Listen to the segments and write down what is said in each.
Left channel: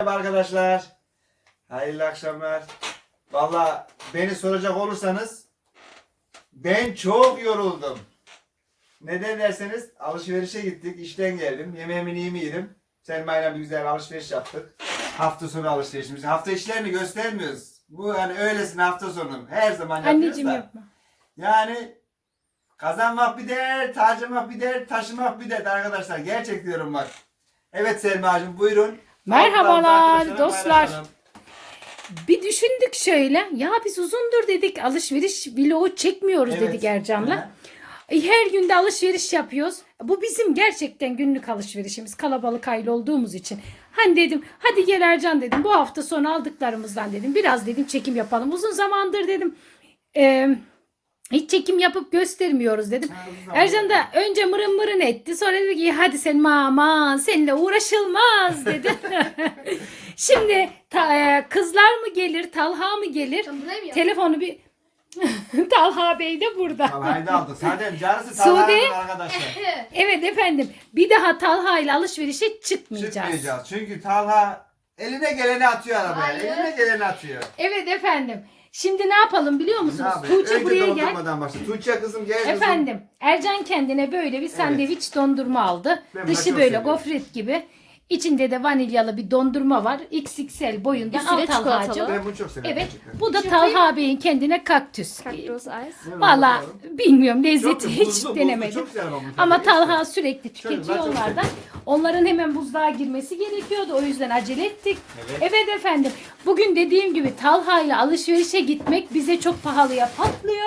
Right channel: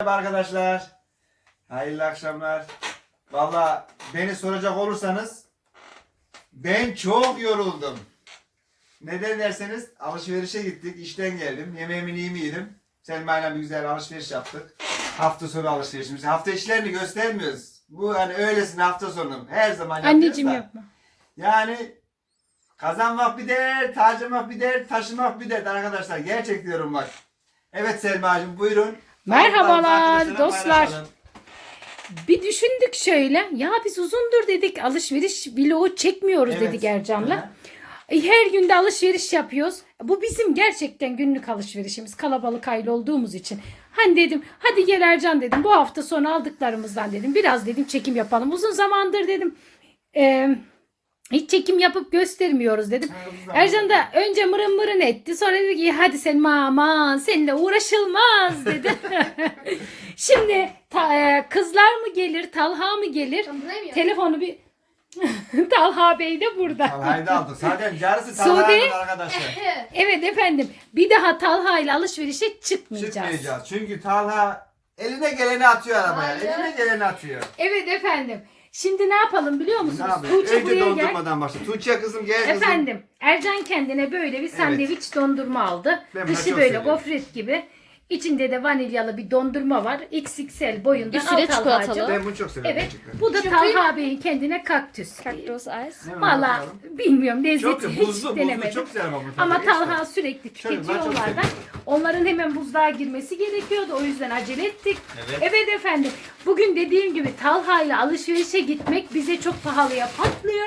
Merhaba arkadaşlar. Hayırlı akşamlar. Valla beni soracak olursanız ben çok yoruldum. Neden derseniz alışverişe gittik. işten geldim. Yemeğimi iyimi yedim. Selma'yla bir güzel alışveriş yaptık. Hafta sonu alışverişimiz. Hafta işlerini göstermiyoruz. Bu hani öylesine hafta sonu. Her zaman yapıyoruz Anneciğim da. yapma. Yani kazanmak bir dert, harcamak bir dert, taşımak bir dert arkadaşlar. Gerçek diyorum bak. Evet Selma'cığım buyurun. Merhabalar dostlar. Bir düşündük şöyle. Ya biz uzundur dedik alışveriş vlogu çekmiyoruz Evet. dedik Ercan'la. Hı. E, Her günde alışveriş yapıyoruz. Bu bizim gerçekten günlük alışverişimiz. Kalabalık aile olduğumuz için. Hani dedim hadi gel Ercan dedim. Bu hafta sonu aldıklarımızdan dedim. Biraz dedim çekim yapalım. Uzun zamandır dedim. e, hiç çekim yapıp göstermiyoruz dedim. Ercan da önce mırın mırın etti. Sonra dedi ki hadi sen aman seninle uğraşılmaz dedi. Şimdi ta- e, kızlar mı gelir, Talha mı gelir? Telefonu bir Talha Bey de burada. Talha'yı da aldık. Zaten yarısı Sude. Talha'nın arkadaşlar. Evet efendim. Bir daha Talha ile alışverişe çıkmayacağız. Çıkmayacağız. Çünkü Talha eline geleni atıyor arabaya. Eline geleni atıyor. Evet efendim. Şimdi ne yapalım biliyor musunuz? Ne? Tuğçe Önce buraya gel. dondurmadan başla. Tuğçe kızım gel kızım. Efendim Ercan kendine böyle bir sandviç dondurma aldı. Ben Dışı çok böyle seviyorum. gofret gibi. İçinde de vanilyalı bir dondurma var. XXL boyunda. Üstüne Al Talhacığım. çikolatalı. Ben bunu çok severim. Evet. gerçekten. Bu da Talha Bey'in kendine kaktüs. Kaktus ice. Ne Valla bakalım? bilmiyorum Çok lezzeti hiç buzlu, buzlu, denemedim. Çok güzel ama bu Ama. Talha sürekli tüketiyor çok onlardan. Onların hemen buzluğa girmesi gerekiyordu. O yüzden acele ettik. Evet. Evet efendim. Bugün dediğim gibi Talha ile alışverişe gitmek bize çok pahalıya patlıyor.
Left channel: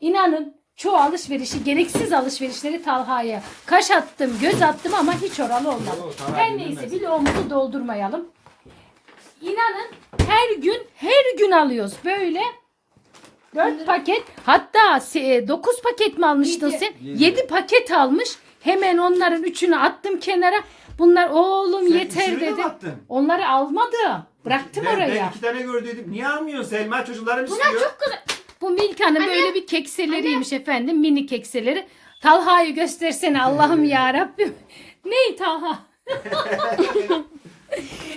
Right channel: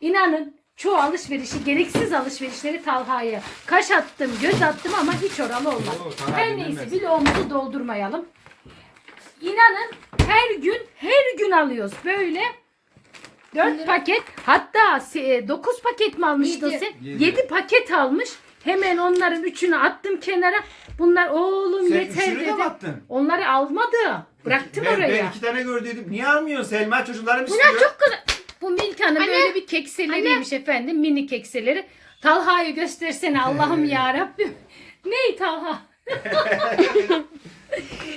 İnanın çoğu alışverişi, gereksiz alışverişleri Talha'ya kaş attım, göz attım ama hiç oralı olmadı. Yo, Talha Her neyse vlogumuzu doldurmayalım. İnanın her gün her gün alıyoruz böyle. 4 paket hatta 9 paket mi almıştın Yedi. sen? Yedi. 7 paket almış. Hemen onların üçünü attım kenara. Bunlar oğlum Sen yeter üçünü de mi dedim. attın? Onları almadı. Bıraktım ben, oraya. Ben iki tane gördüydüm. Niye almıyorsun Selma? Çocuklarım istiyor. Bu Milka'nın böyle bir kekseleriymiş efendim. Mini kekseleri. Talha'yı göstersene Allah'ım ya Rabbim. Ney Talha?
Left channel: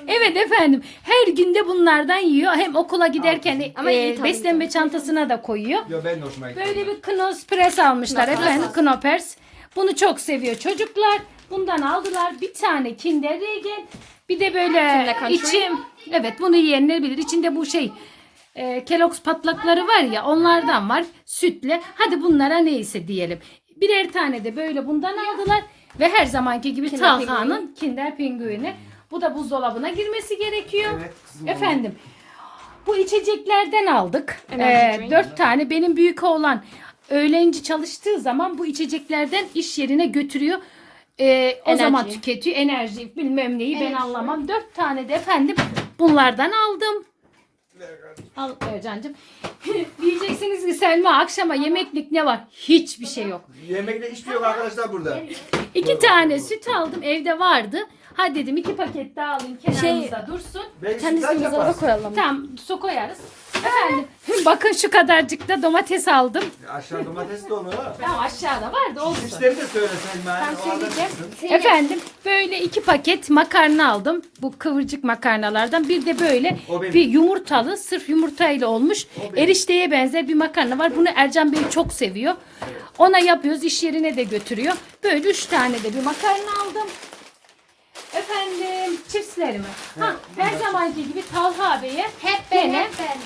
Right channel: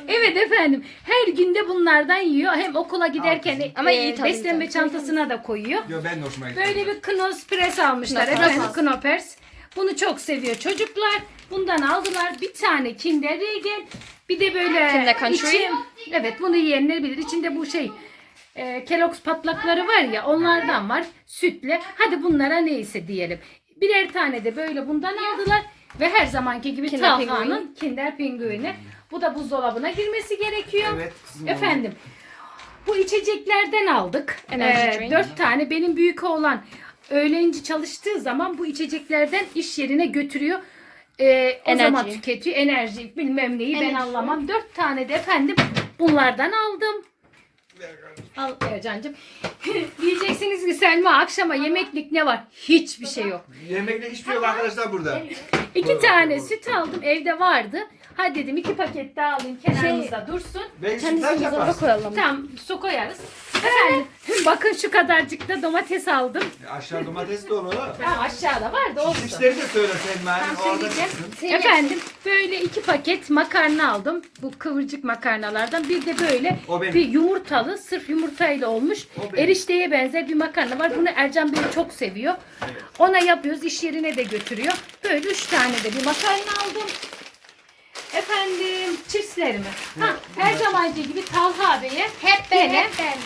evet efendim. Her günde bunlardan yiyor. Hem okula giderken Ama e, iyi tabii beslenme tabii. çantasına da koyuyor. Yo ben de hoşuma gitti. Böyle bir Knos Press almışlar Knoppers. efendim. Knoppers. Bunu çok seviyor çocuklar. Bundan aldılar. Bir tane Kinder Regel. Bir de böyle Kinder Country. içi- evet bunu yiyenler bilir. İçinde bu şey e, Kellogg's patlakları var ya onlardan var. Sütle. Hadi bunlara neyse diyelim. Birer tane de böyle bundan aldılar. Ve her zamanki gibi Kinder Talha'nın. Kinder Pinguini. Bu da buzdolabına girmesi gerekiyor. Evet, kızım Efendim. Bu içeceklerden aldık. Energy Ee, drink. dört tane. Benim büyük oğlan öğlenci çalıştığı zaman bu içeceklerden iş yerine götürüyor. Ee, o Enerji. zaman tüketiyor. Enerji bilmem neyi ben anlamam. Dört tane de efendim bunlardan aldım. Al Ercan'cığım. Diyeceksiniz ki Selma akşama yemeklik ne var? Hiçbir şey yok. Yemekte hiçbir şey yok arkadaşlar burada. İki tane süt aldım evde vardı. Hadi dedim iki paket daha alayım kenarımızda dursun. Belki Kendisini sütlaç buzdolabına yaparsın. koyalım. Tamam su koyarız. Efendim bakın şu kadarcık da domates aldım. Aşağı domates dolu. Tamam aşağıda var da olsun. İşleri de söyle Selma. Tamam, söyleyeceğim. Efendim böyle iki paket makarna aldım. Bu kıvırcık makarnalardan. Bir de böyle O benim. bir yumurtalı sırf yumurtayla olmuş O benim. erişteye benzer bir makarna var. Bunu Ercan Bey çok seviyor. Ona yapıyoruz iş yerine de götürüyor. Böyle üç tane de bir makarna aldım. Efendim çipslerimi. Ha, her zamanki gibi Talha Bey'e Hep ben, hep ben.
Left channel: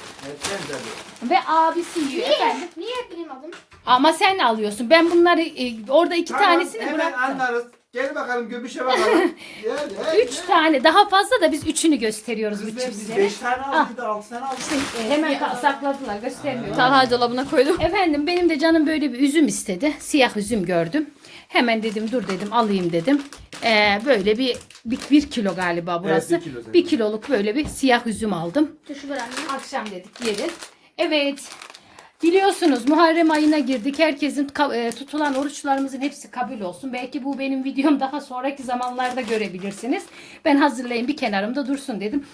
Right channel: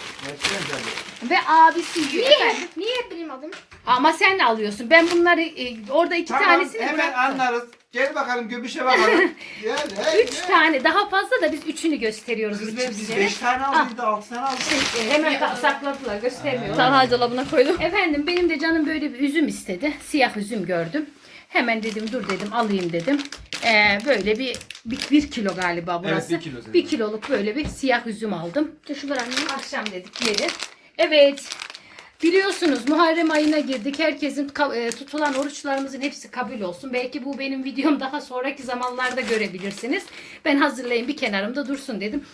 Tabii. ve abisi yiyor. Efendim. Niye hep benim adım? Ama sen alıyorsun. Ben bunları e, orada iki Tamam tanesini hemen bıraktım. anlarız. Gel bakalım göbüşe bakalım. Gel hey. Üç tane daha fazla da biz üçünü gösteriyoruz Kız bu ben biz çipsleri. 5 tane aldık da 6 tane aldık. Şey, e, hemen ka- sakladılar göstermiyorlar. Talha dolabına koydum. Efendim benim de canım böyle bir üzüm istedi. Siyah üzüm gördüm. Hemen dedim dur dedim alayım dedim. Ee, böyle bir, bir, bir kilo galiba burası. bir kilo bir kiloluk böyle bir siyah üzüm aldım. Anne. Akşam dedik yeriz. Evet. Biliyorsunuz Muharrem ayına girdik. Herkesin e, tutulan oruçlarımızın hepsi kabul olsun. Belki bu benim videom daha sonraki zamanlarda görebilirsiniz. Ben hazırlayayım bir kenarımda dursun dedim.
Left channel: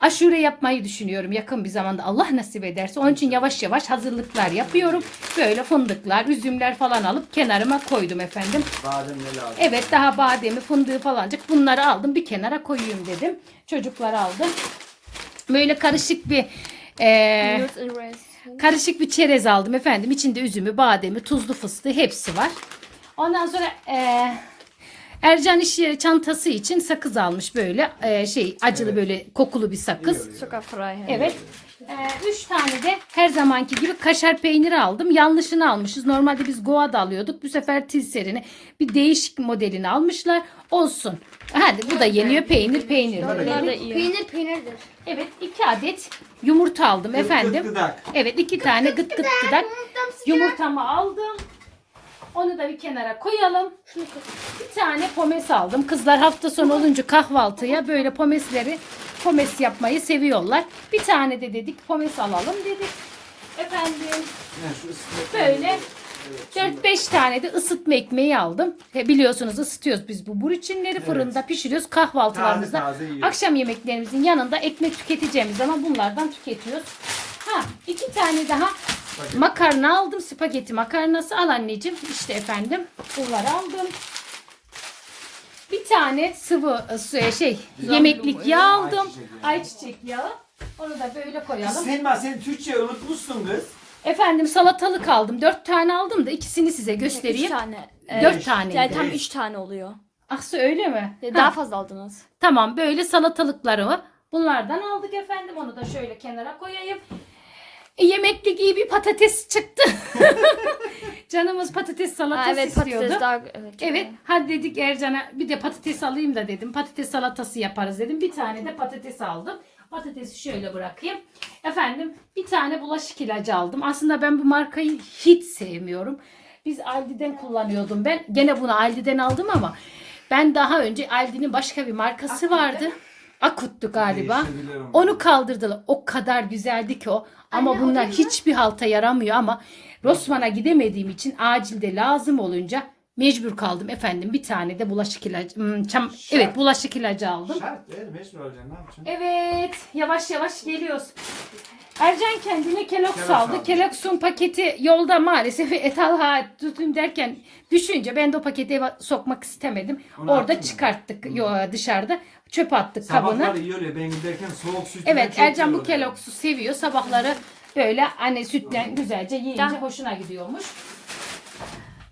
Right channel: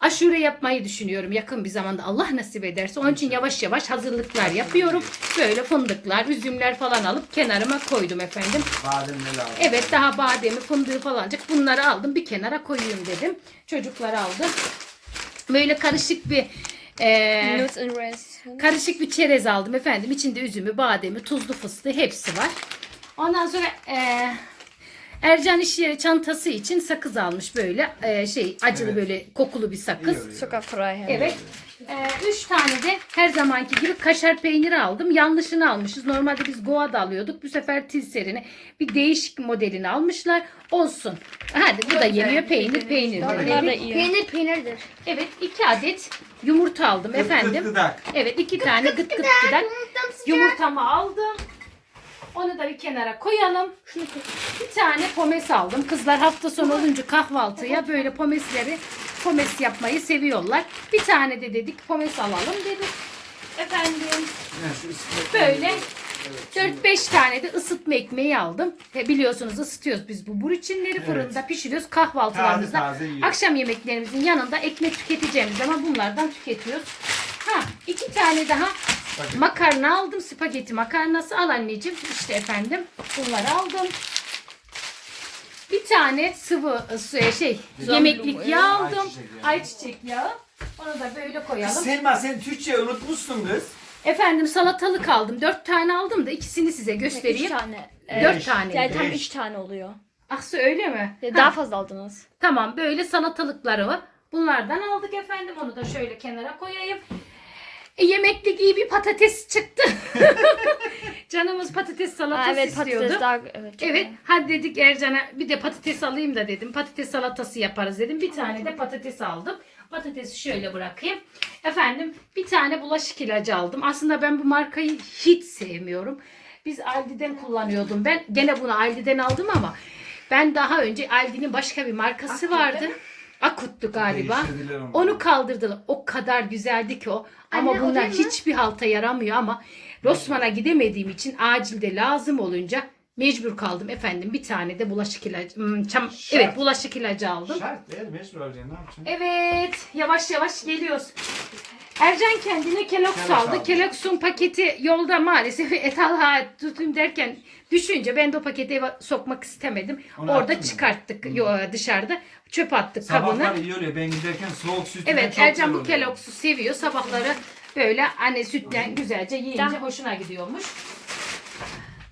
Aşure yapmayı düşünüyorum yakın bir zamanda Allah nasip ederse. Onun için yavaş yavaş hazırlıklar yapıyorum. Böyle fındıklar, üzümler falan alıp kenarıma koydum efendim. Bademleri aldım. Evet daha bademi, fındığı falancık bunları aldım bir kenara koyayım dedim. Çocuklar aldım. Böyle karışık bir e, raisins. karışık bir çerez aldım efendim. İçinde üzümü, bademi, tuzlu fıstığı hepsi var. Ondan sonra e, Ercan iş yeri çantası için sakız almış böyle e, şey acılı Evet. böyle kokulu bir sakız. Zuckerfrei. hem. Evet. Ee, üç tane de her zamanki gibi kaşar peyniri aldım. Yanlışını almışız. Normalde biz Goa'da alıyorduk. Bu sefer Tilser'ini bir değişik modelini almışlar. Olsun. Hadi bu da yeniyor. Peynir peynir. Bunlar da iyi. Peynir peynirdir. Evet iki adet yumurta aldım Gıt gıt efendim. gıdak. Evet iki tane gıt gıt gıdak. Yumurtamı aldım. Onu da bir kenara koyalım. Bir tane pomes aldım. Kızlar hafta sonu olunca kahvaltıya böyle pomesleri pomes yapmayı seviyorlar. Bir tane de dedik pomes alalım dedik. Efendim böyle Evet, 4-5 tane de ısıtma ekmeği aldım. E, biliyorsunuz ısıtıyoruz biz bu burçinleri fırında pişiriyoruz kahvaltılarımızda. Taze taze yiyoruz. Akşam yemeklerimizin yanında ekmek tüketeceğimiz zaman bunlardan tüketiyoruz. Ha iki tane daha Spagetti. makarna aldım. Spagetti makarnası al anneciğim. İşte efendim bunları aldım. Bir tane sıvı e, su- şey yemeklik yağ aldım. Ayçiçek yağı. Ayçiçek yağı. Onu da böyle Kız koyalım. Selma sen Türkçe unutmuşsun kız. Efendim salatalık aldım. Dört tane aldım da ikisini size Üç göstereyim. tane. Dört Beş. tane. Yani tam üç tane oluyor. Aksı öyle mi? Ya Ha, Daha fazla aldınız. Tamam böyle salatalıkları var. Bunlardan aldık efendim. Onu da şöyle kenara koyayım. E, yemeklik iyi bir patates çıktı. Canımız patates salatası Aa, evet istiyordu. patates daha evet. Evet hadi dedik Ercan'a bir de patates alayım da dedim. Patates salatası yaparız dedim. Bir tane de patates aldım. Patatesi şöyle bırakayım. Efendim bir tane bulaşık ilacı aldım. Aslında ben bu markayı hiç sevmiyorum. Biz Aldi'den kullanıyordum ben. Gene bunu Aldi'den aldım ama ben daha önce Aldi'nin başka bir markası vardı. Akut'tu galiba. Onu. Onu kaldırdılar. O kadar güzeldi ki o. Ama Anne, o bunlar değil mi? hiçbir halta yaramıyor ama Rosman'a gidemediğim için acilde lazım olunca mecbur kaldım efendim. Bir tane de bulaşık ilacı, hmm, çam- Şart. evet bulaşık ilacı aldım. Şart değil mecbur alacaksın ne yapacaksın? Evet, yavaş yavaş geliyoruz. Ercan kendine Kellogg's aldı. Kellogg's'un paketi yolda maalesef etalha tutayım derken düşünce ben de o paketi eve sokmak istemedim. Onu Orada çıkarttık yo- dışarıda. Çöp attık kabını. Sabahlar iyi oluyor ben giderken soğuk sütünden Evet Ercan bu. Kellogg'su seviyor. Sabahları böyle anne sütten güzelce yiyince hoşuna gidiyormuş.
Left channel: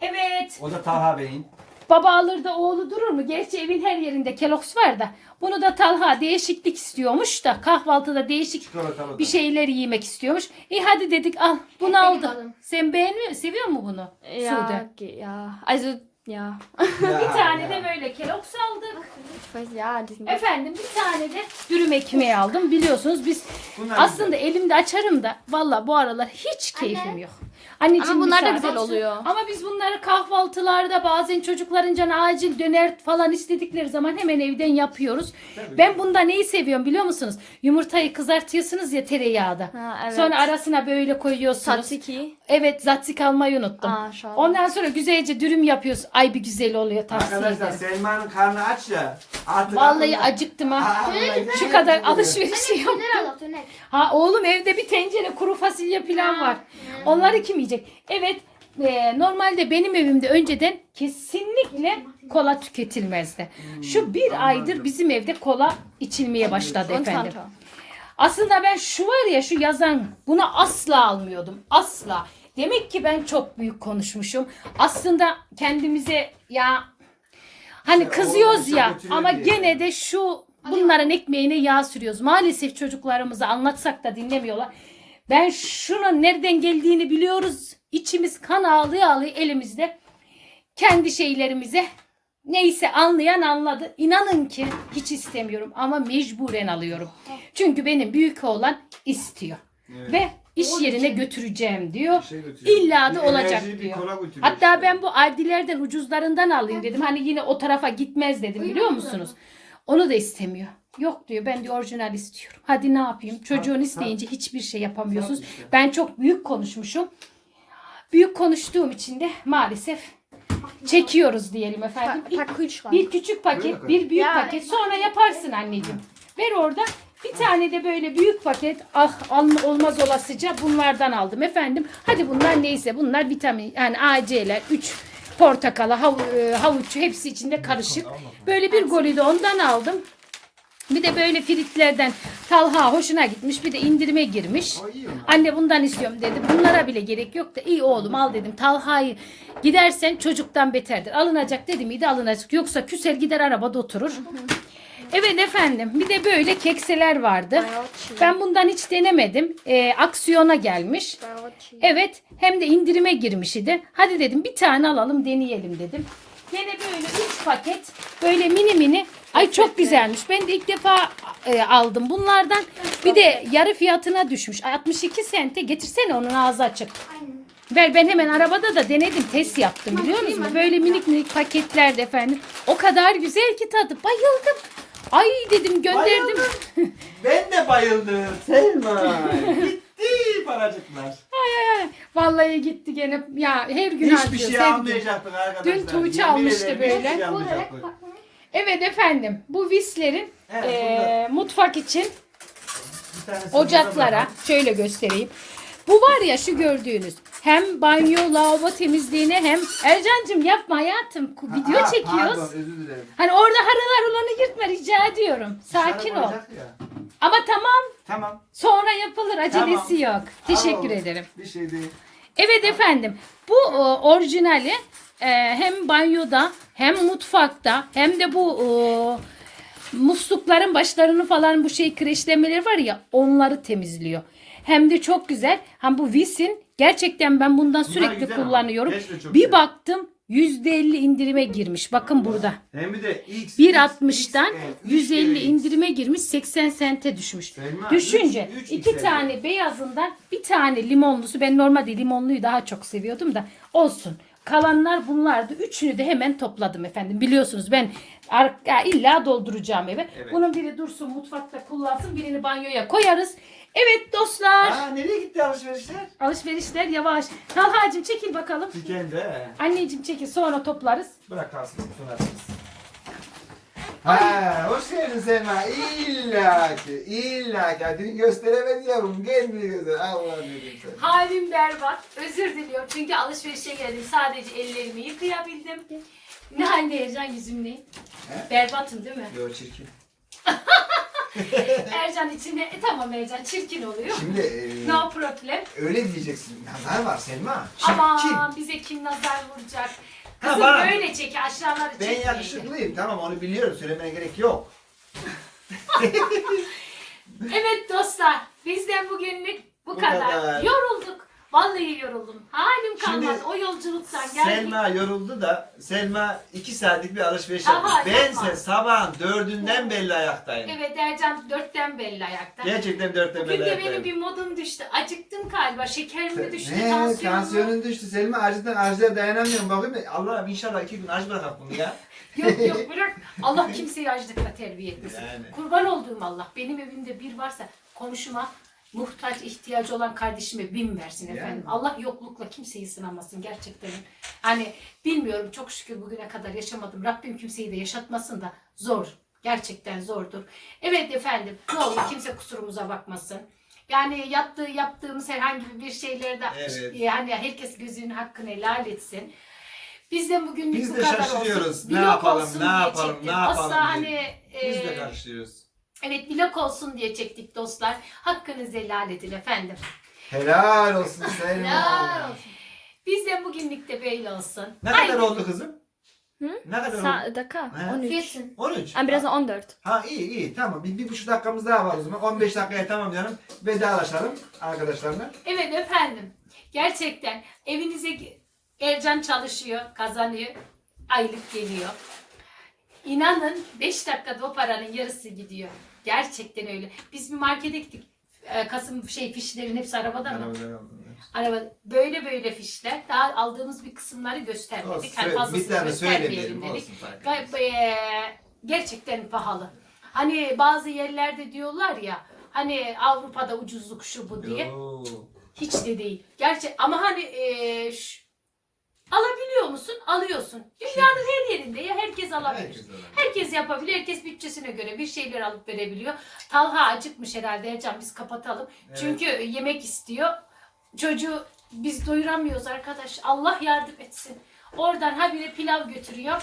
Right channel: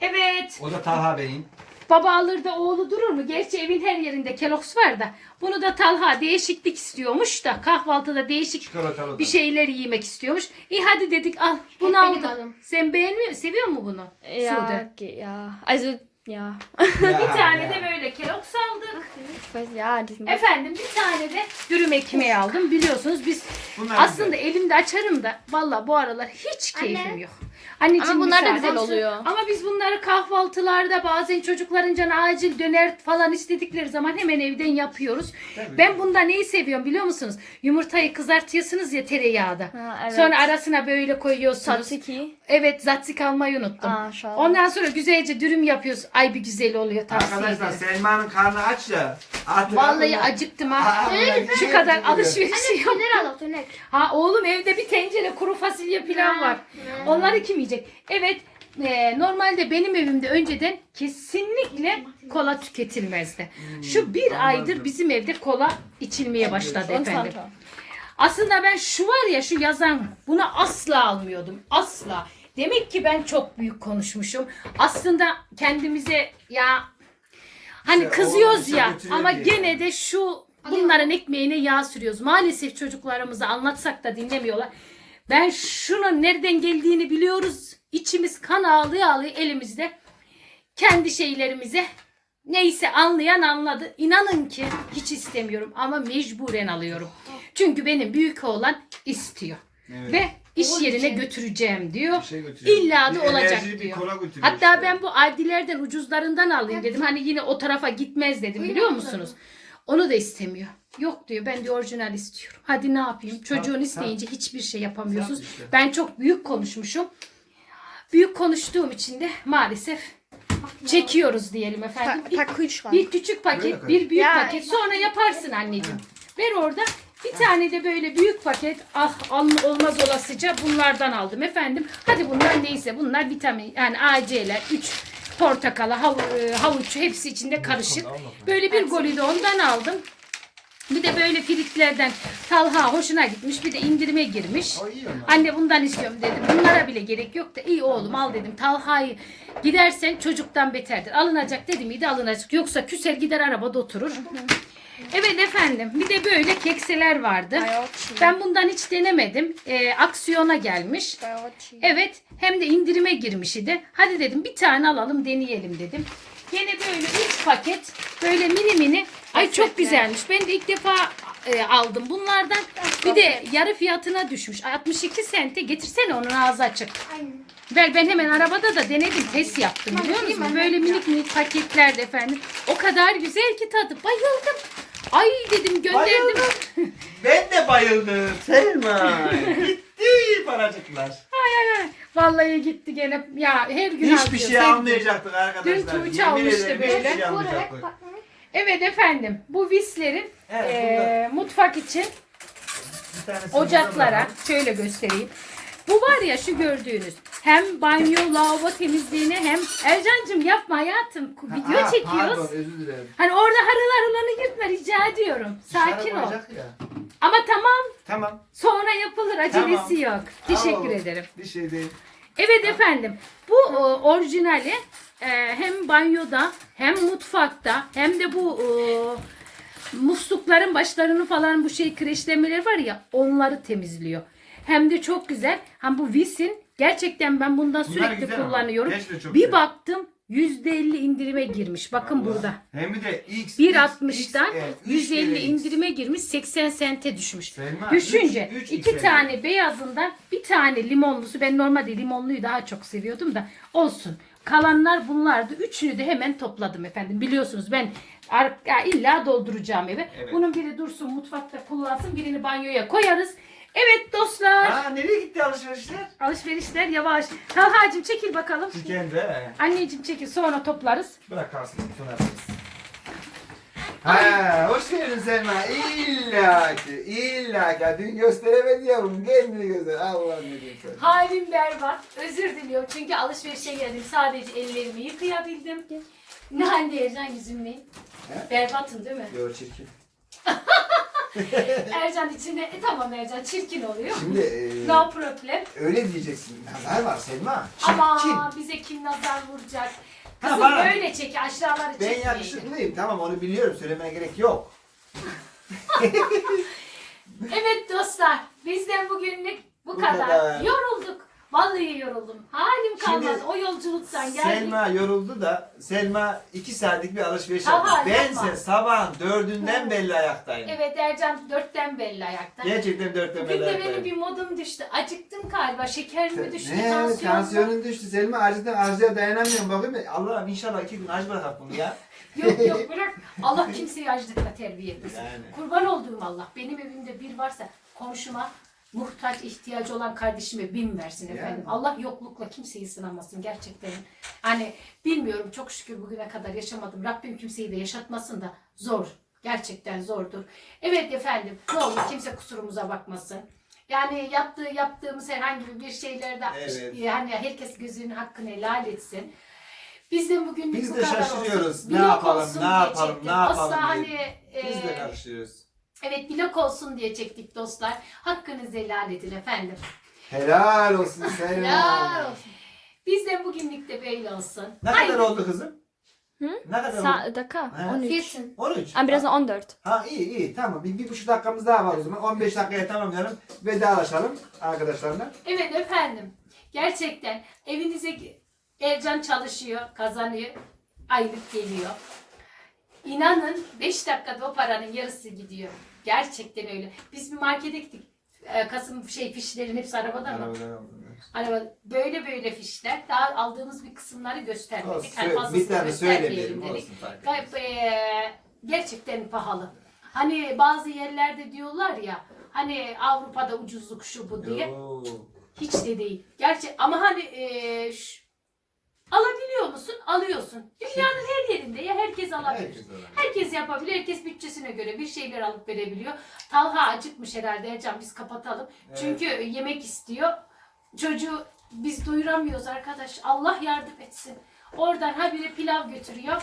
Evet. O da Taha Bey'in. Baba alır da oğlu durur mu? Gerçi evin her yerinde Kellogg's var da. Bunu da Talha değişiklik istiyormuş da kahvaltıda değişik Çikolatalı da. bir şeyler yemek istiyormuş. İyi hadi dedik al bunu Hep benim aldık. adım. Sen beğenmiyor musun? Seviyor mu bunu? Ja, Sude. ge- ja. Also, ja. Ya, Bir tane ya. de böyle Kellogg's aldık. Ich weiß, ja, Efendim bir tane de dürüm ekmeği aldım. Biliyorsunuz biz Bunlar aslında elimde açarım da valla bu aralar hiç keyfim yok. Anneciğim Ama bunlar da güzel olsun. oluyor. Ama biz bunları kahvaltılarda bazen çocukların canı acil döner falan istedikleri zaman hemen evden yapıyoruz. Tabii. Ben bunda neyi seviyorum biliyor musunuz? Yumurtayı kızartıyorsunuz ya tereyağda. Ha, evet. Sonra arasına böyle koyuyorsunuz. Tzatziki. Evet zatzik almayı unuttum. Aa, şahane. Ondan sonra güzelce dürüm yapıyoruz. Ay bir güzel oluyor tavsiye Arkadaşlar ederim. Selma'nın karnı aç da. Artık Vallahi aklına- acıktım ha. Aklına Şu şey kadar geliyor. alışveriş yok. Al fener. Ha oğlum evde bir tencere kuru fasulye pilav var. Onları kim yiyecek? Evet e, normalde benim evimde önceden kesinlikle kola tüketilmezdi. Şu bir Hmm, anladım. aydır bizim evde kola içilmeye başladı efendim. Aslında ben şu var ya şu yazan bunu asla almıyordum. Asla. Demek ki ben çok büyük konuşmuşum. Aslında kendimize ya hani kızıyoruz ya ama gene de şu bunların ekmeğine yağ sürüyoruz. Maalesef çocuklarımıza anlatsak da dinlemiyorlar. Ben şunun nereden geldiğini biliyoruz. İçimiz kan ağlıyor ağlıyor elimizde. Kendi şeylerimize neyse anlayan anladı. İnanın ki hiç istemiyorum ama mecburen alıyorum. Çünkü benim büyük oğlan istiyor. Evet. Ve iş yerine götüreceğim diyor. Şey götürüyor. İlla Bir da olacak bir diyor. kola götürüyor Hatta işte. ben bu Aldilerden ucuzlarından alayım dedim. Hani yine o tarafa gitmez dedim biliyor musunuz? Onu da istemiyor. Yok diyor ben de orijinal istiyorum. Hadi ne yapayım? Çocuğun isteyince hiçbir şey yapamıyorsunuz. İşte. Ben çok büyük konuşmuşum. Büyük konuştuğum için de maalesef çekiyoruz diyelim efendim. Pa Kühlschrank. Bir küçük paket, bir büyük Ya- paket. Sonra yaparsın anneciğim. Ver orada. Bir Bir tane de böyle büyük paket ah alma olmaz olasıca bunlardan aldım efendim. Hadi bunlar neyse bunlar vitamin yani AC'ler 3 portakalı hav, e, havuç hepsi içinde karışık. Böyle bir golü de ondan aldım. Bir de böyle friklerden Talha hoşuna gitmiş. Bir de indirime girmiş. Anne bundan istiyorum dedi. Bunlara bile gerek yok da iyi oğlum al dedim. Talha'yı gidersen çocuktan beterdir. Alınacak dedim iyi de alınacak. Yoksa küser gider arabada oturur. Evet efendim. Bir de böyle kekseler vardı. Ben bundan hiç denemedim. Ee, aksiyona gelmiş. Evet hem de indirime girmiş idi. Hadi dedim bir tane alalım deneyelim dedim. Gene böyle 3 paket böyle mini mini. Ay çok güzelmiş. Ben de ilk defa e, aldım bunlardan. Bir de yarı fiyatına düşmüş. 62 sente getirsene onun ağzı açık. Ben, ben hemen arabada da denedim test yaptım biliyor musunuz? Böyle minik minik paketlerde efendim. O kadar güzel ki tadı. Bayıldım. Ay dedim gönderdim. Bayıldım. Ben de bayıldım. Selma. Gitti paracıklar. Vallahi gitti gene. Ya her gün Hiçbir harcıyor, şey sevdim. almayacaktık arkadaşlar. Dün Tuğçe Yemin almıştı ederim böyle. Hiçbir şey almayacaktık. Evet efendim bu vislerin Evet, eee, mutfak için Bir ocaklara burada şöyle göstereyim. Bu var ya şu gördüğünüz hem banyo lavabo temizliğine hem Ercan'cığım yapma hayatım Ha, video aa, çekiyoruz. Pardon özür dilerim. Hani orada harılar olanı yırtma rica ediyorum. Sakin Dışarı ol. ya. Ama tamam Tamam. sonra yapılır acelesi yok. Teşekkür Tamam. ederim. Bir şey değil. Evet efendim. Bu e, orijinali e, hem banyoda hem mutfakta hem de bu e, muslukların başlarını falan bu şey kreşlemeleri var ya onları temizliyor. Hem de çok güzel. Hem bu Vis'in gerçekten ben bundan sürekli güzel ama. kullanıyorum. Çok Bir güzel. baktım %50 indirime girmiş. Bakın burada. Hem bir de X. 1.60'dan evet, üç 150 kere X. indirime girmiş 80 sente düşmüş. Selma, Düşünce üç- üç iki X tane beyazından bir tane limonlusu ben normalde limonluyu daha çok seviyordum da olsun. Kalanlar bunlardı. Üçünü de hemen topladım efendim. Biliyorsunuz ben illa dolduracağım eve. Evet. Bunun biri dursun mutfakta kullansın birini banyoya koyarız. Evet dostlar Aa nereye gitti alışverişler? alışverişler yavaş. Talha'cığım çekil bakalım. Chicken de. Anneciğim çekil sonra toplarız. Bırak kalsın. Sonra. Ha, hoş geldin Selma. İlla ki, illa ki. Dün gösteremedi yavrum. Gelmedi göster. Allah ne diyeyim sana. Halim berbat. Özür diliyorum. Çünkü alışverişe geldim. Sadece ellerimi yıkayabildim. Ne halde Ercan yüzüm ne? He? Berbatım değil mi? Yo çirkin. Ercan içinde e tamam Ercan çirkin oluyor. Şimdi e, No problem. öyle diyeceksin. Nazar var Selma. Çirkin. Ama bize kim nazar vuracak? Ha, Kızım bana- böyle çek aşağıları Ben çekmeyin. yakışıklıyım. Tamam onu biliyorum. Söylemene gerek yok. Evet dostlar bizden bugünlük bu, Bu kadar. kadar. Yorulduk. Vallahi yoruldum. Halim Şimdi kalmadı o yolculuktan geldik. Selma yoruldu da Selma iki saatlik bir alışveriş Tamam, yaptı. yapma. Bense sabahın dördünden belli ayaktayım. Evet Ercan dörtten belli ayakta. Gerçekten dörtten Bugün belli de benim ayaktayım. bir modum düştü. Acıktım galiba. Şekerim mi düştü? Ne? Tansiyonum mu? Tansiyonun düştü. Selma acıdan acıya dayanamıyorum. Bakayım Allah'ım inşallah iki gün acı bırakak bunu ya. Yok yok bırak. Allah kimseyi açlıkla terbiye etmesin. Yani. Kurban olduğum Allah. Benim evimde bir varsa komşuma muhtaç ihtiyacı olan kardeşime bin versin efendim. Yani. Allah yoklukla kimseyi sınamasın gerçekten. Hani bilmiyorum çok şükür bugüne kadar yaşamadım. Rabbim kimseyi de yaşatmasın da zor. Gerçekten zordur. Evet efendim ne olur kimse kusurumuza bakmasın. Yani yaptığı yaptığımız herhangi bir şeylerde Evet. yani herkes gözünün hakkını helal etsin. Biz de bugünlük Biz bu de kadar şaşırıyoruz. olsun. Ne yapalım, olsun ne yapalım, ne yapalım Asla hani Biz e, de karışıyoruz. Evet vlog olsun diye çektik dostlar. Hakkınızı helal edin efendim. Helal olsun Selma. Helal olsun. Biz de bugünlük de böyle olsun. Ne Haydi. kadar oldu kızım? Hı? Ne kadar oldu? Sa dakika. Ha. 13. 13. Ama birazdan 14. Ha iyi iyi tamam. Bir, bir buçuk dakikamız daha var o zaman. 15 dakikaya tamamlayalım. Vedalaşalım arkadaşlarla. Evet efendim. Gerçekten evinize Ercan çalışıyor, kazanıyor. Aylık geliyor. İnanın 5 dakikada o paranın yarısı gidiyor. Gerçekten öyle. Biz bir markete gittik. Ee, Kasım şey fişlerin hepsi arabada mı? Arabadan aldım. Araba böyle böyle fişler. Daha aldığımız bir kısımları göstermedik. Olsun, Hani söyle- fazlasını bir tane göstermeyelim söylemeyelim dedik. olsun fark Gayet eee, gerçekten pahalı. Hani bazı yerlerde diyorlar ya hani Avrupa'da ucuzluk şu bu diye. Yo. Hiç de değil. Gerçi ama hani eee, ş- Alabiliyor musun? Alıyorsun. Dünyanın her yerinde ya herkes alabilir. Herkes alabilir. Herkes yapabilir. Herkes bütçesine göre bir şeyler alıp verebiliyor. Talha acıkmış herhalde Ercan biz kapatalım. Evet. Çünkü yemek istiyor. Çocuğu biz doyuramıyoruz arkadaş. Allah yardım etsin. Oradan habire pilav götürüyor.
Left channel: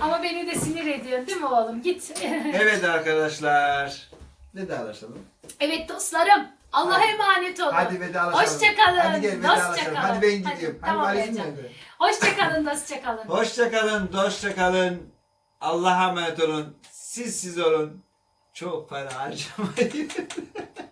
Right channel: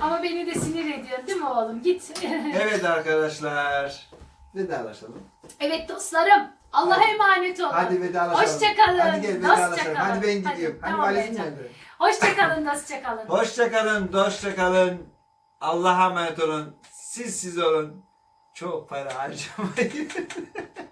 Ama beni de sinir ediyor değil mi oğlum? Git. Evet arkadaşlar. Vedalaşalım. evet dostlarım. Allah'a Hadi. emanet olun. Hadi vedalaşalım. Hoşçakalın. Hadi gel vedalaşalım. Hoşçakalın. Hadi ben gidiyorum. Hadi tamam valizim Ercan. nerede? Hoşçakalın. Hoşçakalın. Hoşçakalın, hoşçakalın. Allah'a emanet olun. Siz siz olun. Çok para harcamayın.